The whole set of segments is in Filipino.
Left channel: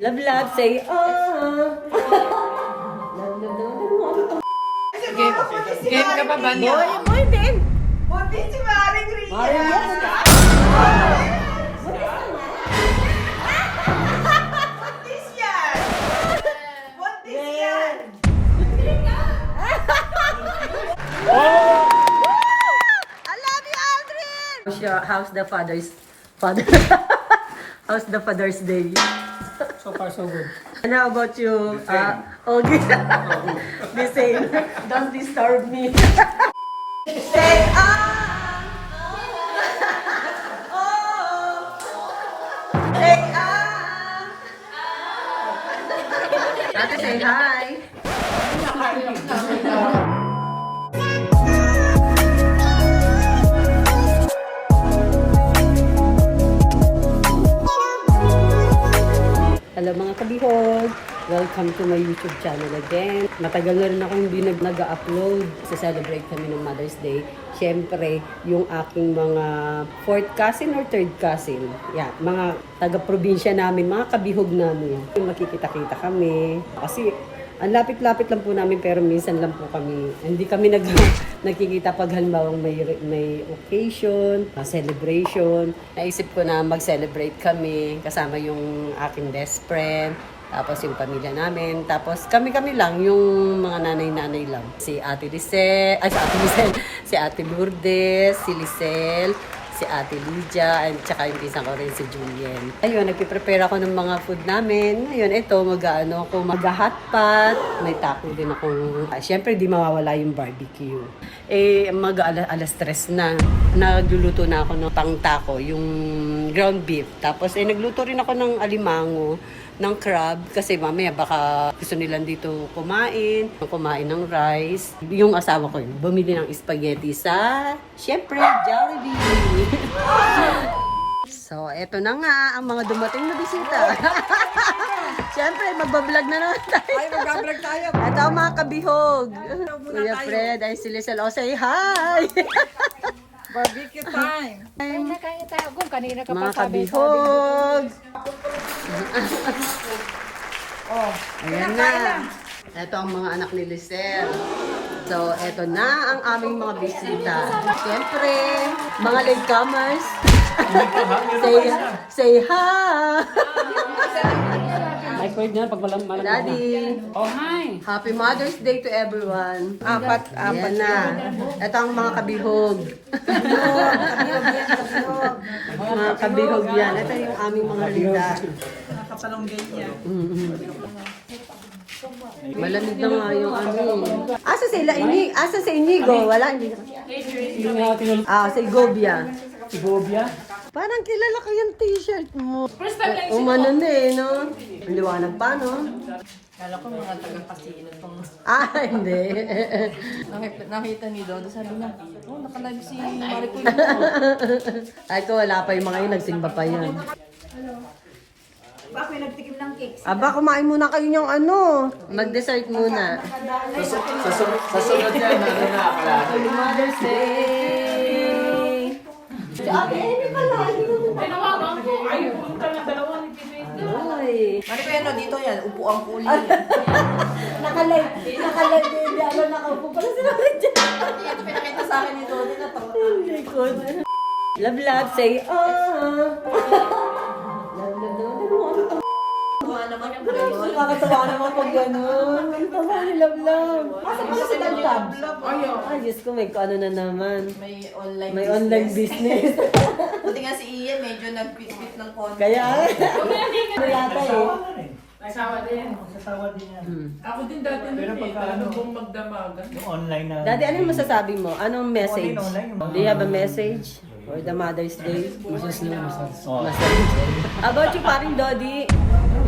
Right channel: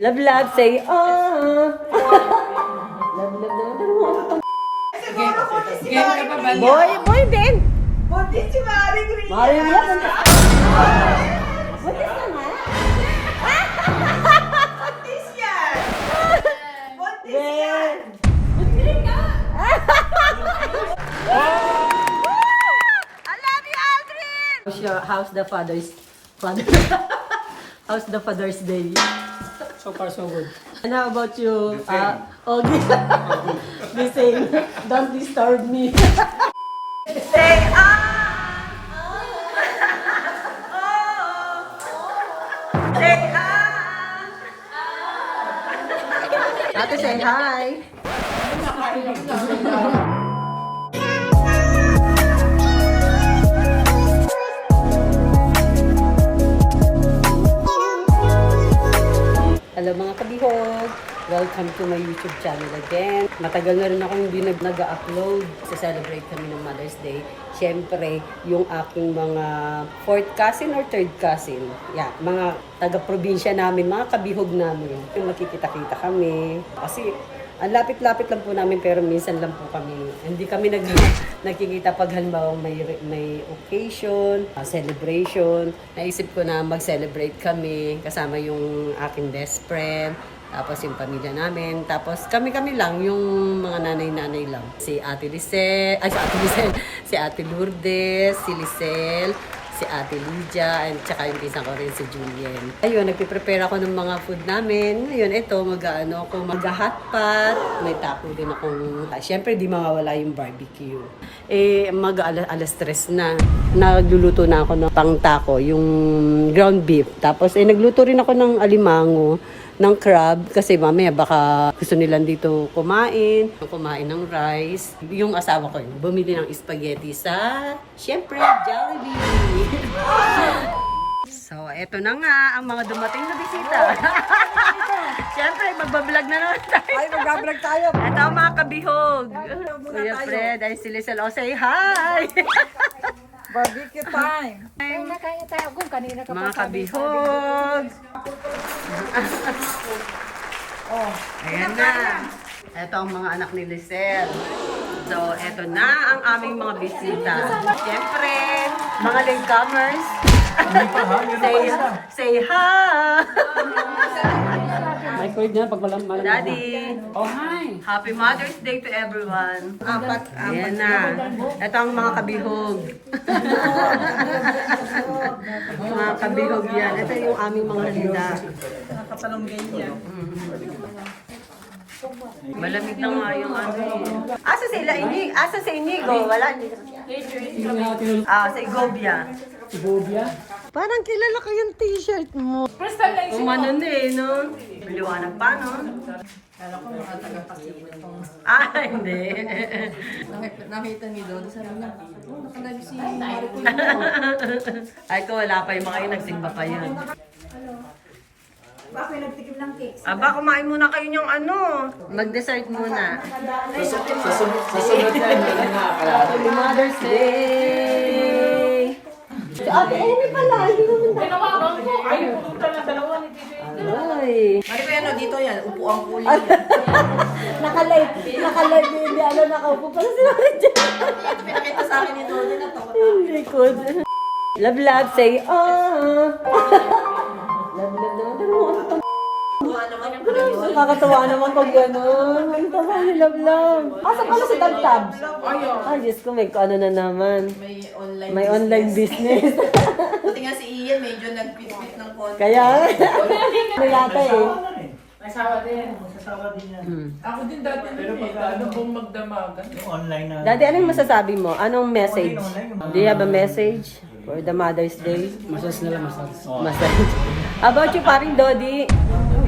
Love, love, say, oh. Love, love, love. Game ka pa ba niya? Boy, Ben. Buti si Maring Ria. Maring Ria. Buntis yan. Buntis yan. I love you, Aldrin. How's the father? How's the Father's Day? So far, so good. And how about you? Okay. The same. Don't disturb me. Say, Say, Ate, say hi. Hello mga kabihog! Welcome to my YouTube channel again. Matagal na rin ako hindi nag-upload. Sa-celebrate kami ng Mother's Day. Siyempre, yung aking mga 4th cousin or 3rd cousin. Yeah, mga taga-probinsya namin, mga kabihog namin. Yung makikita-kita kami. Kasi ang lapit-lapit lang po namin pero minsan lang po kami. Hindi kami nagkikita pag halimbawa may occasion, celebration. Naisip ko na mag-celebrate kami kasama yung aking best friend. Tapos yung pamilya namin. Tapos kami-kami lang, yung mga nanay-nanay lang. Si Ate Lisel, si Ate Lourdes, si Lisel, si Ate Lydia, and tsaka yung isang ko rin si Julien. Ayun, nagpiprepare ako ng mga food namin. Ngayon, ito, mag-hotpot. May taco din ako. Siyempre, di mawawala yung barbecue. Alas 3 na. Nagluluto na ako ng pang-taco, yung ground beef. Tapos, nagluto rin ako ng alimango, ng crab kasi mamaya baka gusto nilang dito kumain ng rice. Yung asawa ko yun, bumili ng spaghetti sa, syempre, Jollibee. So, eto na nga ang mga dumating na bisita. Syempre, magbablog na naman tayo. Ay, magbablog tayo. Ito ang mga kabihog. Kuya Fred, ay si Lisel. O, say hi! Barbecue time. Ay, nakain tayo kung kanina ka Mga pa sabi. kabihog. Oh, Ayan na. Ito ang mga anak ni Lisel. So, eto na ang aming mga bisita. Siyempre, mga latecomers. Say hi! Microwave na pag malam. Daddy, Oh, hi. Happy Mother's Day to everyone. apat. Ayan na. Ito ang mga kabihog. Mga kabihog yan. Ito yung aming mga handa. Nakasalunggay niya. Malamig na nga yung ano eh. Asa si Inigo? Wala. Yung ating Si Gobia. Ibobia. Parang kilala ko yung t-shirt mo. First time lang Umano na eh, no? Liwanag pa, no? Kala ko mga taga-pasino itong Hindi. nakita ni Dodo. Sabi niya, oh, nakalive si Maricoy mo. Ay ko, wala pa yung mga yun. Nagsimba pa yun. Bakit may nagtikim ng cakes? Aba, kumain muna kayo yung ano. Mag-dessert muna. Susunod na Happy Mother's Day! Ate, Amy pala. Tinawagan ko. Ay, pumunta na dalawa ni Tito. Ay. Maricoy, ano dito yan? Upo ang kuli. Nakalive din. Ano nakaupo pala sila dyan. Ito pinakita sa akin ni Dodo na to. Hindi ko. Love, love, say, oh. Love, love, love. Nakakatawa naman pag gano'n. Love, love. Asa pala si Dagtab? Ayaw. Ay, Diyos ko, may ano na naman. May online. May online business. Buti nga si Ian, medyo nag-quit ng konti. Kaya, ano yata eh. Nasawa din. Ako din dati pero pag ano kung magdamagan. Online na. Daddy, anong masasabi mo? Anong message? Do you have a message for the Mother's Day? Masas nila, masas. Message. How about you, paring Dodi?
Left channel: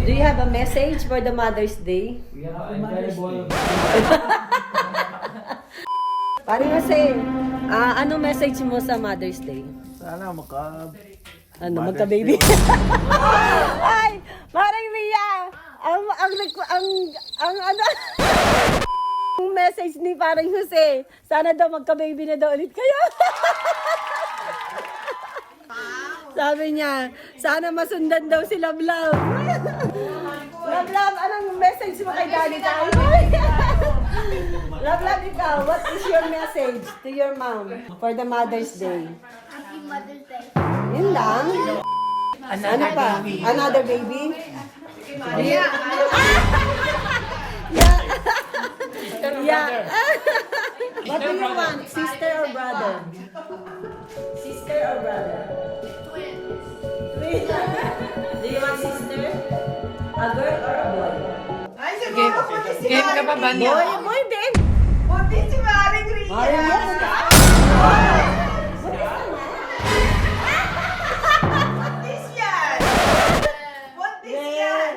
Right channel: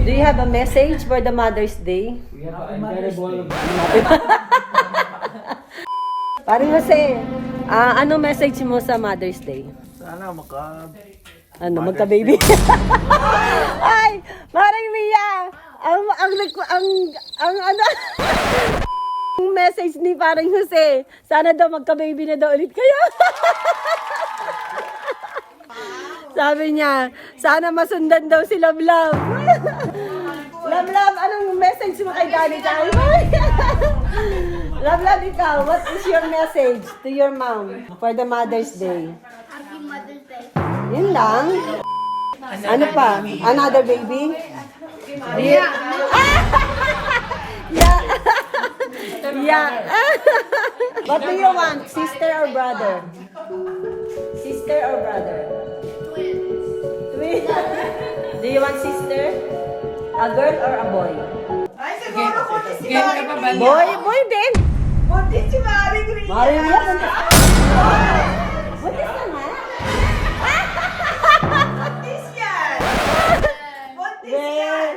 Do you have a message for the Mother's Day? Paring Jose, anong message mo sa Mother's Day? Sana Ano, magka-baby? Ay, Maring Mia! Ang ano? Ang message ni Paring Jose, sana daw magka-baby na daw ulit kayo. Sabi niya, sana masundan daw si Love Love. Love, ikaw, what is your message to your mom for the Mother's Day? Happy Mother's Day. Yun lang. Ano pa? Another baby? Yeah. Yeah. What do you want? Sister or brother? Sister or brother? Twin. Do you want sister? A girl or a boy? Game ka ba, Banya? Boy din. Buntis si Maring Ria. Buntis yan. Buntis yan. Buntis yan.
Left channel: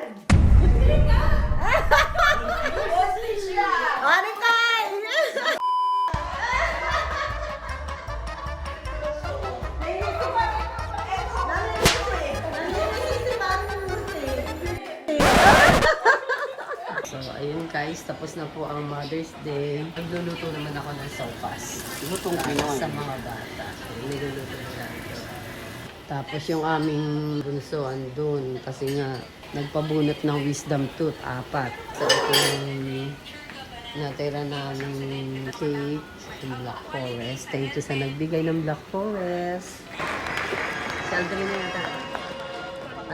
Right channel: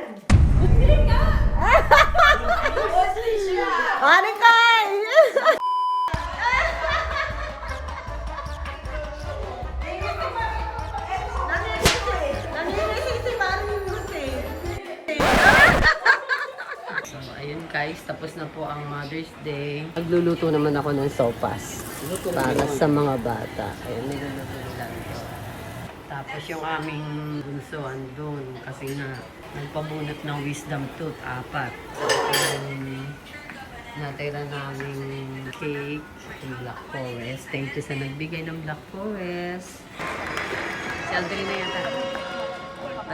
So, ayun guys, tapos na po ang Mother's Day. Nagluluto naman ako ng sopas. Para sa mga bata. Ayun, niluluto nila ito. Tapos yung aming bunso andun. Kasi nga, nagpabunot ng wisdom tooth, 4. So, yung natira namin cake sa Black Forest. Thank you sa nagbigay ng Black Forest. Si Aldrin na yata.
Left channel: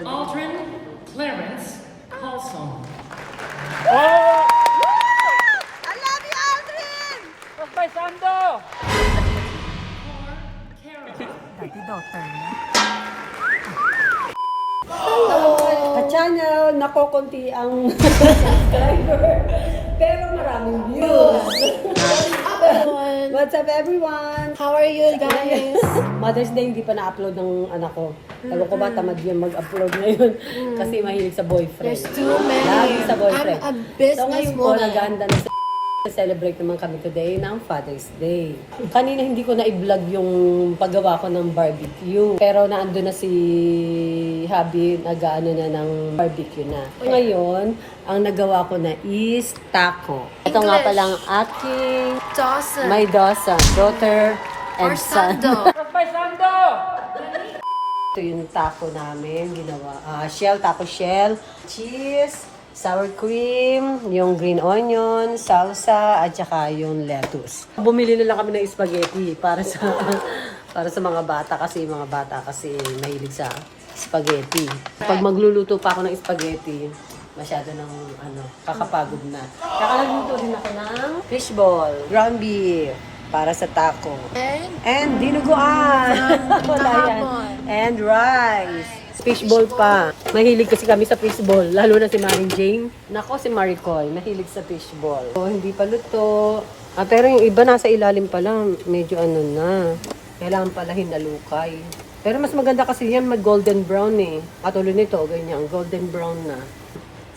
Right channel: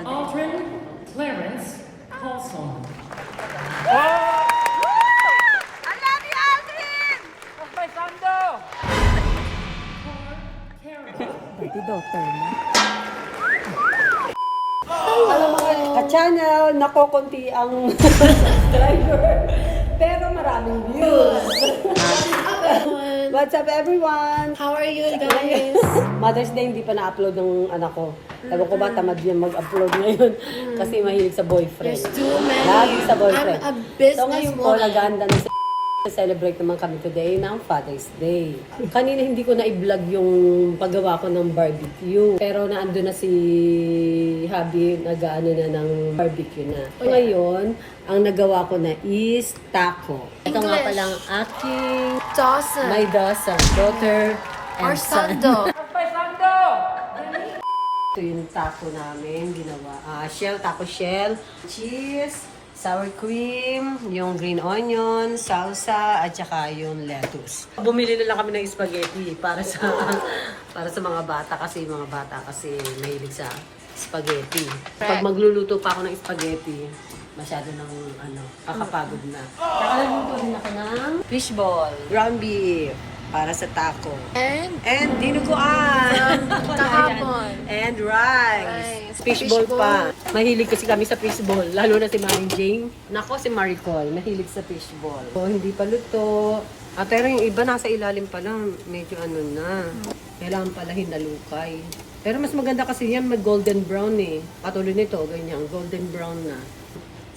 Aldrin Clarence Paulson. Ka-channel, nakokonti ang subscriber. Pero maraming views. What's up everyone? How are you guys? Mother's Day hindi pa na-upload ng anak ko. Ewan ko ba tamad yan mag-upload ngayon kasi mahilig sa boyfriend. There's too many. Lagi sa boyfriend. I'm a business So ngayon po, woman. nag-aanda na celebrate naman kami today ng Father's Day. Kanina hindi ko na i-vlog yung paggawa ko ng barbecue. Pero naando na si Habi, nag-ano na ng barbecue na. Ngayon, ang nagawa ko na is taco. Ito nga English. palang aking Dawson. my daughter Or and son. Sando. Ito yung taco namin, ginawa. Taco shell, cheese, sour cream, yung green onion, salsa, at saka yung lettuce. Bumili na lang kami ng spaghetti para sa mga bata kasi mahilig sa spaghetti. Pag magluluto pa ako ng spaghetti, masyado nang kakapagod na. Nakalagluto din ako ng fishball, ground beef, para sa taco. And dinuguan. kahapon. And rice. Fishball pa. Mahilig kasi kami sa fishball. Lalo na si Maring Jane. Nako, si Maricol. Mahilig sa fishball. Hindi pa luto. Pero yung iba nasa ilalim pa lang. Medyo na. Kailangan pala hinalukay. Pero mas maganda kasi yan mag-golden brown eh. Katulad nito, ganyan. Golden brown na.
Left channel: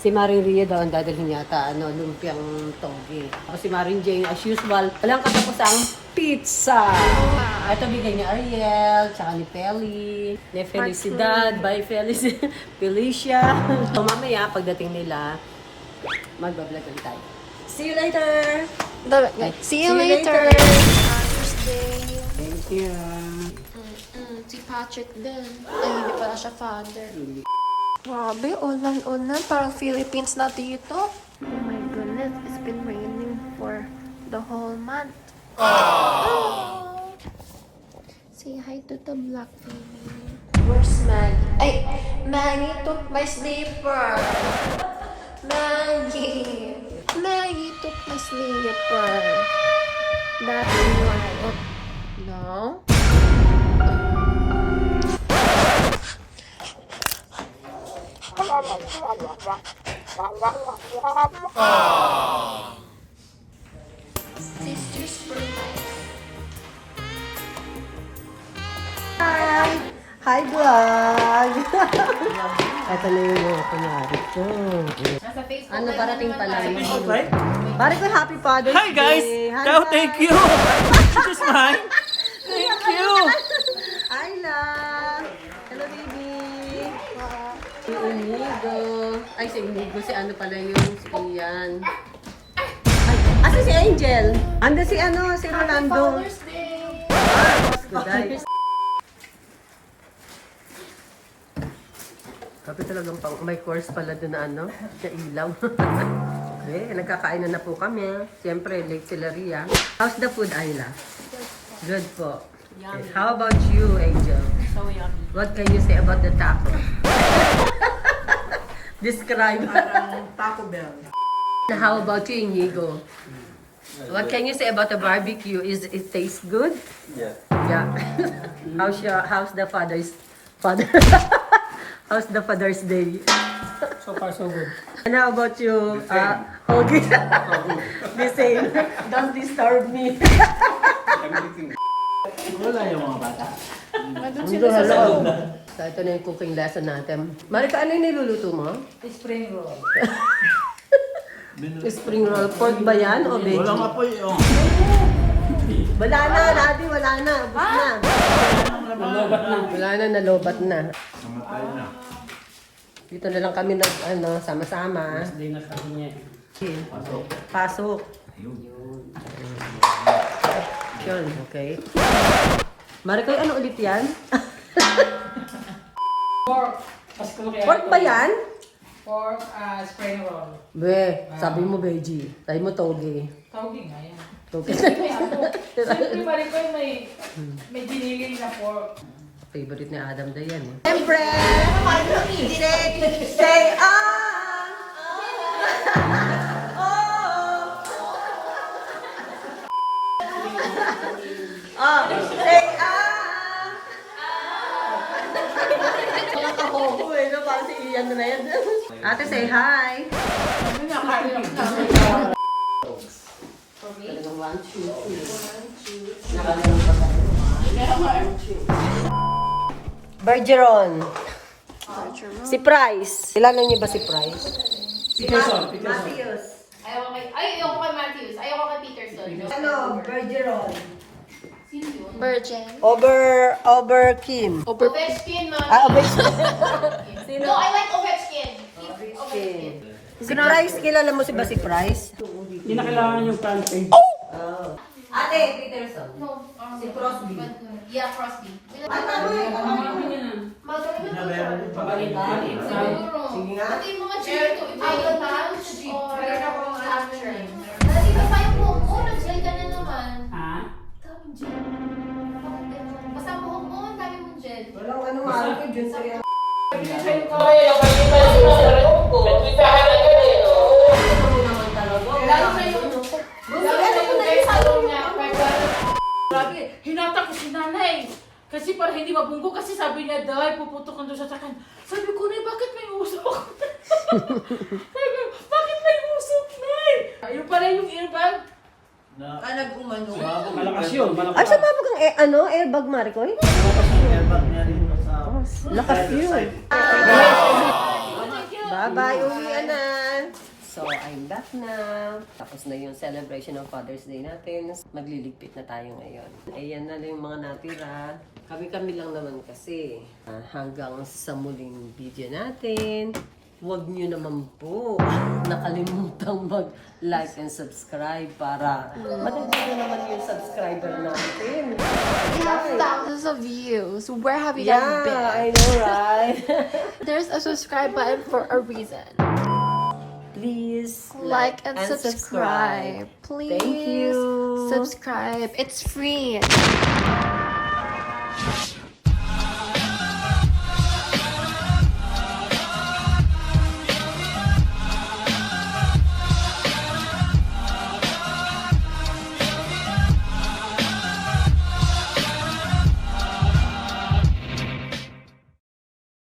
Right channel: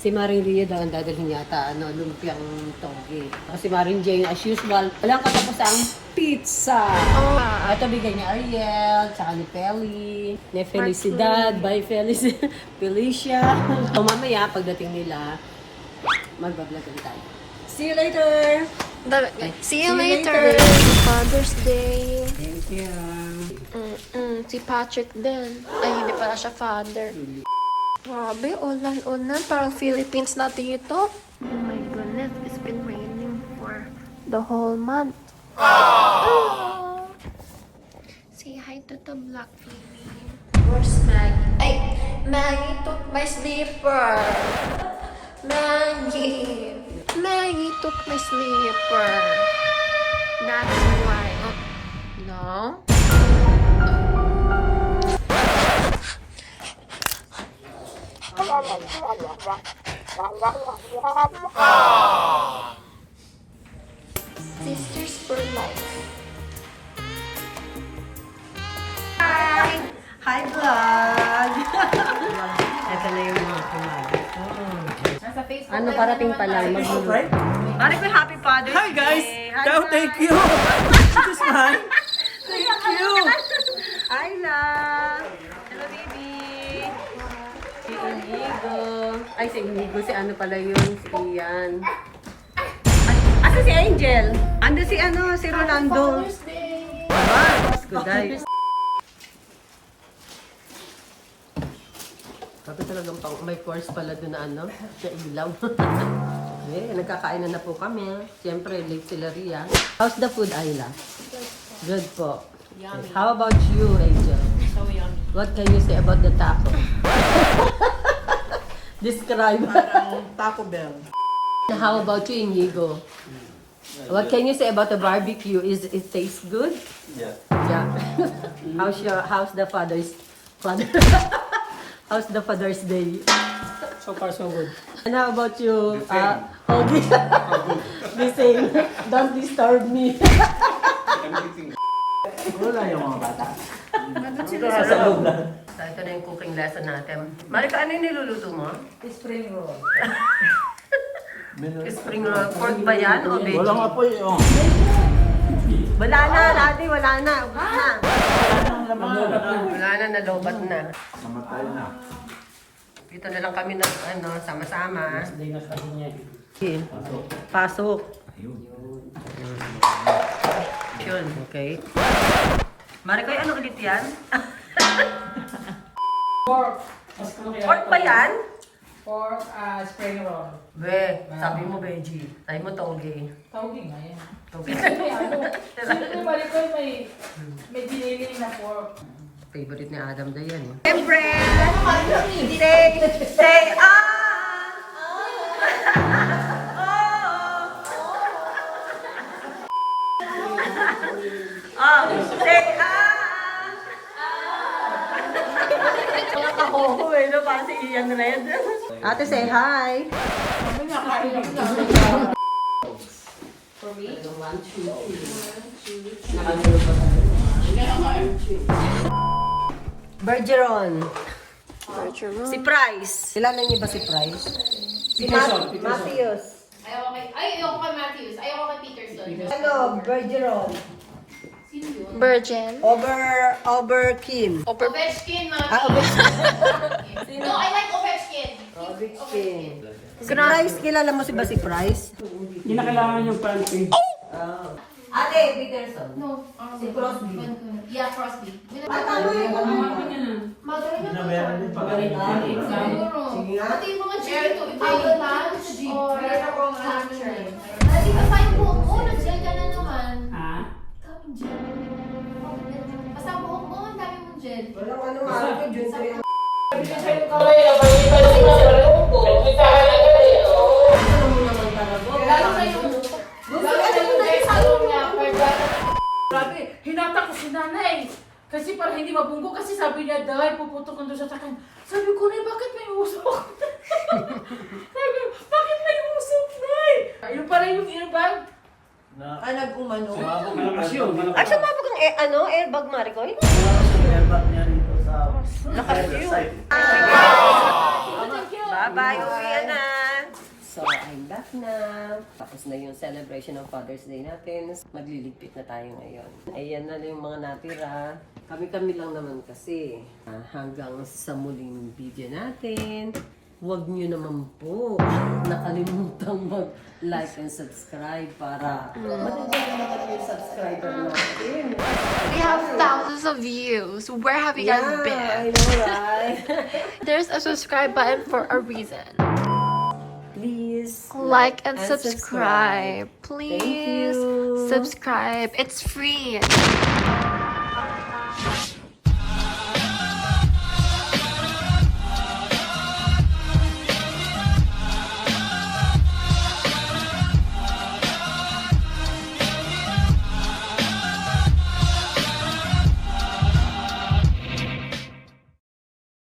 Si Maring Ria daw ang dadalhin yata, lumpiang toge. Tapos si Maring Jane, as usual, walang katapusang pizza. Ito bigay niya Ariel, tsaka ni Pelly, ni Felicidad, by Felicia. So mamaya, pagdating nila, magbablog ulit tayo. See you later! See you later. Father's Day. Thank you. Si Patrick din. Ay, hindi pala siya father. Grabe, ulan-ulan. Parang Philippines na dito. Oh my goodness, it's been raining for the whole month. Say hi to the black baby. Where's Maggie? Ay, Maggie took my sleeper. Maggie took my sleeper. That's why. Oh, no? Sisters for life. Hi, vlog! Ito na yung mga kumain. Nasa Facebook Ano, live parating naman pala. tayo. Pare ko, happy Father's Hi guys! Day! Hi, Go, guys. thank you! This is mine! Thank you! Ayla! Hello, baby! Si Inigo. Ay, si Inigo. Si ano pala yung si Ian. Ay, asa si Angel? Ando si si Rolando. Father's Day. Good day. Grabe talagang pang, may course pala doon na ano, na ilaw. Okay, nagkakain na po kami. Siyempre, late sila Ria. How's the food, Ayla? Good po. Yummy. How about you, Angel? So yummy. What can you say about the taco? Describe. Taco Bell. How about you, Inigo? What can you say about the barbecue? Is it taste good? Yeah. Yeah. How's the father? How's the Father's Day? So far, so good. And how about you? Okay. The same. Don't disturb me. Wala yung mga bata. So, ito na yung cooking lesson natin. Marika, ano yung niluluto mo? Spring roll. Spring roll. Pork ba yan o veggie? Wala nga po yung... Wala na, Daddy. Wala na. Ubus na. Wala na, nalobat na. Namatay na. Dito na lang kami na, ano, sama-sama. Day na kasi niya. Okay. Pasok. Ayun. Yun, okay. Marika, ano ulit yan? Pork. Pork ba yan? Pork, spring roll. Be, sabi mo veggie. Sabi mo toge. Tawagin nga yan. Toge. Siyempre, siyempre Maricoy, may diniling na pork. Favorite ni Adam daw yan. Siyempre! Say say Mga kahoko eh, no? Parang si Ian Red. Ate, say hi! Ano nga, kain lang na. For me? One, two. Bergeron. Bergeron. Si Price. Kilala niyo ba si Price? Peterson. Matthews. Ayoko kay Matthews. Ayoko kay Peterson. Ano? Bergeron. Sino yun? Virgin. Over Kim. Ovechkin, mami. Ovechkin. No, I like Ovechkin. Ovechkin. Si Price, kilala mo si ba si Price? Hindi na kailangan yung front page. Ate, Peterson. No. Si Crosby. Yeah, Crosby. Magaling Magaling na Sige nga. Pati yung mga G2, Idol Punch, or After. Hindi ka find mo. Oras yan ka na naman. Daming gel. Bakit ganun? Basta buhok mo, ang dami mong gel. Walang ano, ate, Jun 3 ang... Lalo na yung... Grabe, hinata ko si nanay. Kasi para hindi mabunggo, kasi sabi niya, dahil puputok ko doon sa takan. Sabi ko, Nay, bakit may usok? Sabi, bakit may usok, Nay? Ayun pala yung earbag. Nag-umano. Malakas yun. At sa mga airbag, Mariko? Malakas yung airbag niya rito sa... side. Bye-bye, uwian na! So, I'm back na. Tapos na yung celebration ng Father's Day natin. Magliligpit na tayo ngayon. Ayan na lang yung mga natira. Kami-kami lang naman kasi. Hanggang sa muling video natin. Huwag nyo naman po nakalimutang mag-like and subscribe para madagdagan naman yung subscriber natin. We have thousands of views. Where have you Yeah, guys been? I know, right? There's a subscribe button for a reason. Please Like and subscribe. Please Thank you. subscribe. It's free.